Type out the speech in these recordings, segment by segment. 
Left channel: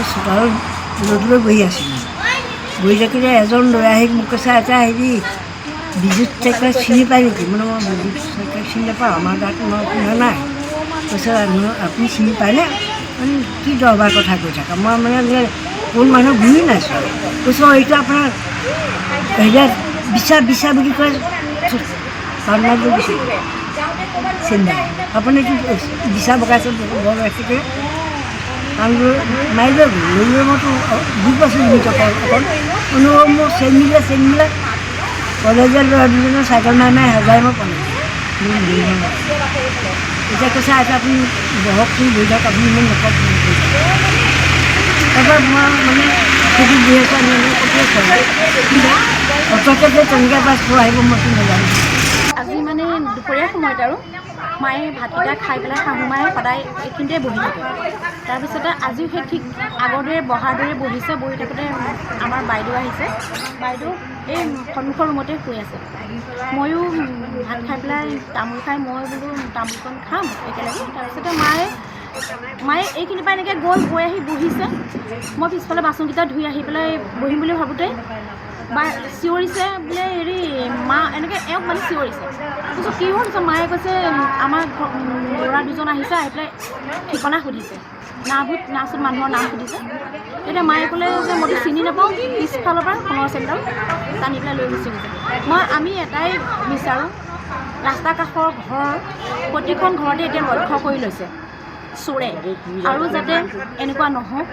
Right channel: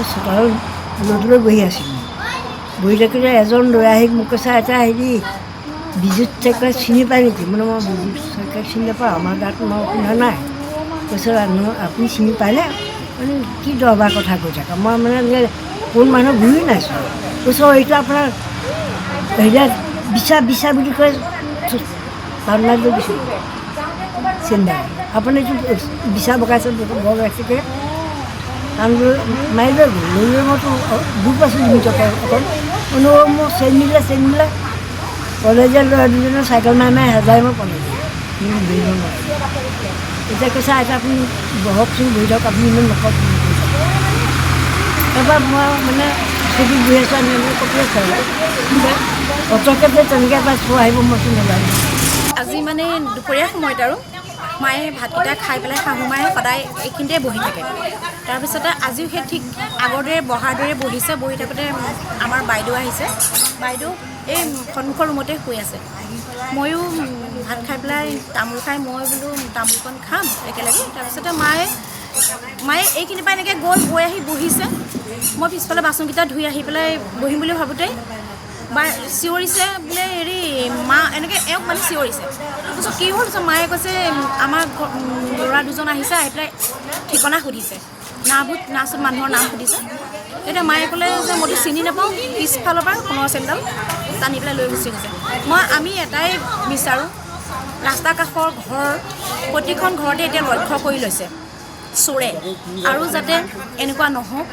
মই চোতালত ৰ'দলৈ বহি আছিলোঁ। বহি থাকিলে এজন ল'ৰাই আহি মোক কৈছে, এটা হেৰি বিদ্যুৎ চাইকেল চিনি পায় নেকি? মানে মই বিদ্যুৎ চাইকেল চিনি নাপাওঁ, আমাৰ গাঁৱত মই শুনা নাই। কৈছে আপুনি চিনি পায়নে? কি দৰবাৰ কথা কৈ থাকা? মই মানে কোন মানুহ ঘূৰি নাইছোঁ। কৈছোঁ এইটো আপোনাৰ হেৰিয়াত বিচা বুলি কয়, পাটনাত দিছোঁ চিন্তাই আপুনি এইটো বিচা বগাইছে বৰ ৰাখিছে। কাৰণ মাৰি লৈ গ'ল, লৈ মইতো দুখ পাইছোঁ ভিতৰত অকণ মোৰ চেইন মিলে কলেজৰ ল'ৰা দুজনে চাইকেল মাৰি হেজাই মই পালোঁ। এতিয়া কৈছে এতিয়া আপুনি বহকচোন, বহি থাকক, আপুনি ইমান নকওক। তাৰপৰা মই মানে সেইটো বহি আছোঁ, আমি কপিয়ে খাওঁ অট'কে যে তেনেকৈ এবাৰ থৈ আহিব মইতো নাজানো। আজি মানে দুপৰীয়া সময়ত আৰু মায়ে ভাতকেইটা খাই পেলাই শাহু মায়ে সদায় এইখিনিতে বহি থাকে। তাৰপিছতে আজিও সেই ঠিক আগৰ দৰে বহাৰ দৰে বহিছে। বহি থাকোঁতে আমাৰ বাইদেউ আহিছে। বাইদেউ এই সন্মুখৰ ৰুমতে শুই আছে। ময়ো ভাত খাই পেলাই তামোল খাই মই বোলো তামোলকণ খাম একেলগে। তাৰপিছতে মায়ে এইখিনি পৰা এনেকৈ গৈ আহি বহিছে। মই পিছফালে বাচনকেইটা ধুই আহি পেলাই বহিম বুলি ভাবোঁতে চিঞৰিছে বোলে হেৰি মা এনেকৈ এওঁক মানে চিঞৰিছে। তাৰপিছত কি হ'ল? মায়ে কৈছে আমাৰ ল'ৰা দুজন আহিছে, আহি পেলাই ঠিকনা সুধিছে, নাচত মানুহৰ নাম সুধিছে। এতিয়া মায়ে ক'লে যে মইতো চিনি নাপাওঁ, পিছফালৰ পৰা সোণৰ চেইনডাল টানি পেলাই লৈ গুচি গৈছে। আমি এটাই বিচাৰোঁ, ৰাস্তা কাষৰ ঘৰ প্ৰতিখন ঘৰতে এতিয়া লক্ষ্য কৰি লৈছে চোৰে, আৰু যাতে এনেকুৱা নহওক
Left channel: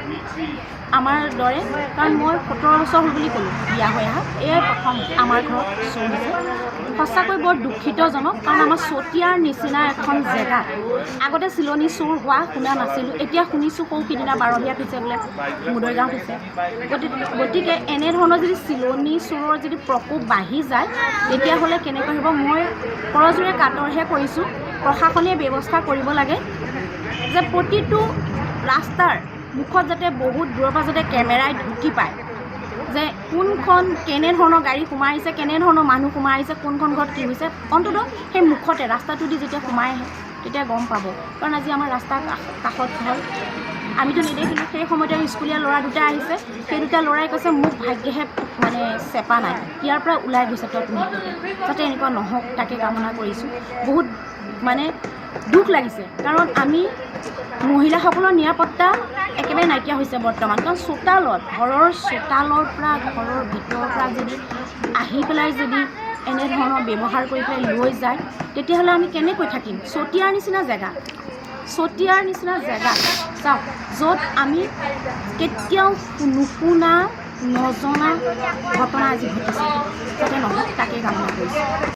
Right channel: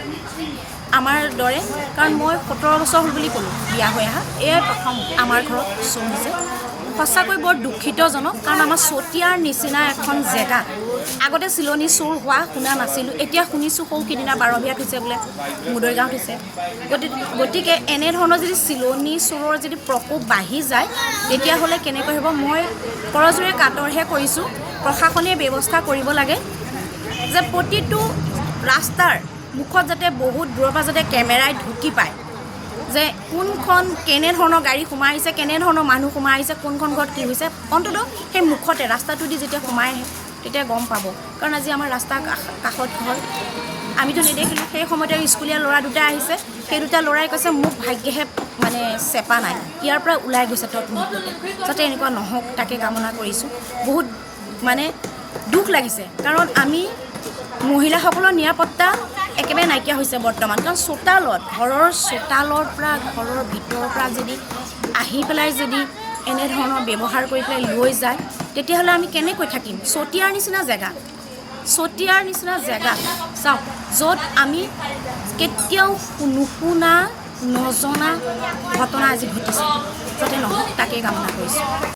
আমাৰ দৰে। কাৰণ মই 17 বছৰ হ'ল বুলি ক'লোঁ বিয়া হৈ অহা, এয়াই প্ৰথম আমাৰ ঘৰত চোৰ হৈছে। সঁচাকৈ বৰ দুখিতজনক। কাৰণ আমাৰ চতিয়াৰ নিচিনা এখন জেগাত আগতে চিলনী চোৰ হোৱা শুনা নাছিলোঁ, এতিয়া শুনিছোঁ সৌ সিদিনা 12 বিয়াত হৈছে বোলে, মুদৈগাঁৱত হৈছে। গতিকে এনেধৰণৰ যদি চিলনী চোৰৰ যদি প্ৰকোপ বাঢ়ি যায় তেতিয়াহ'লে কেনেকৈ হ'ব? মই কৰজোৰে কাতৰহে কৰিছোঁ, প্ৰশাসনে ব্যৱস্থা কৰিব লাগে যে প্ৰতিটো ৰাস্তাৰ মুখত যাতে বহুত দূৰৰ পৰা যাতে কেমেৰাই ঢুকি পায় যে কোনখন কেনেধৰণৰ গাড়ী সোমাই আহিছে, কেনেধৰণৰ মানুহ সোমাই আহিছে, কোনখন ঘৰত কি হৈছে। অন্ততঃ সেই মুখতে ৰাস্তাটো দি যেতিয়া সোমাই আহে তেতিয়া গম পাব। কাৰণ আজি আমাৰ ৰাস্তাৰ কাষত ঘৰ, আমিতো নেদেখিলোঁ। সেই সময়তে স্কুলীয়া ল'ৰা দুটা আহিছে, সেই দুটা ল'ৰাই কৈছে মোক ভাগ্যহে মানে চেপা নাই, ইয়াৰ পৰা ওলাই গৈছে তত মুহূৰ্ততে। যাতে এনেকুৱা নহওক তাকে কামনা কৰিছোঁ। বহুত মানে দুখ লাগিছে, কাৰণ আমি মহিলাসকলৰ নিৰাপত্তা একেবাৰে নাইকিয়া হৈছে বৰ্তমান। কাৰণ চোতালত, ঘৰৰ চোতালৰ পৰা, ঘৰৰ ভিতৰৰ পৰা যদি আহি পেলাই যদি এনেধৰণৰ ব্যৱহাৰ কৰি পেলাই লৈ যায় তেতিয়াহ'লে আমি কেনেকৈ থাকিম? চতিয়াৰ নিচিনা জেগাত চাওক, য'ত আমি কেতিয়াও নুশুনা নজনা ঘটনা আজি ঘটিছে, যাতে নহওক তাকেই কামনা কৰিছোঁ।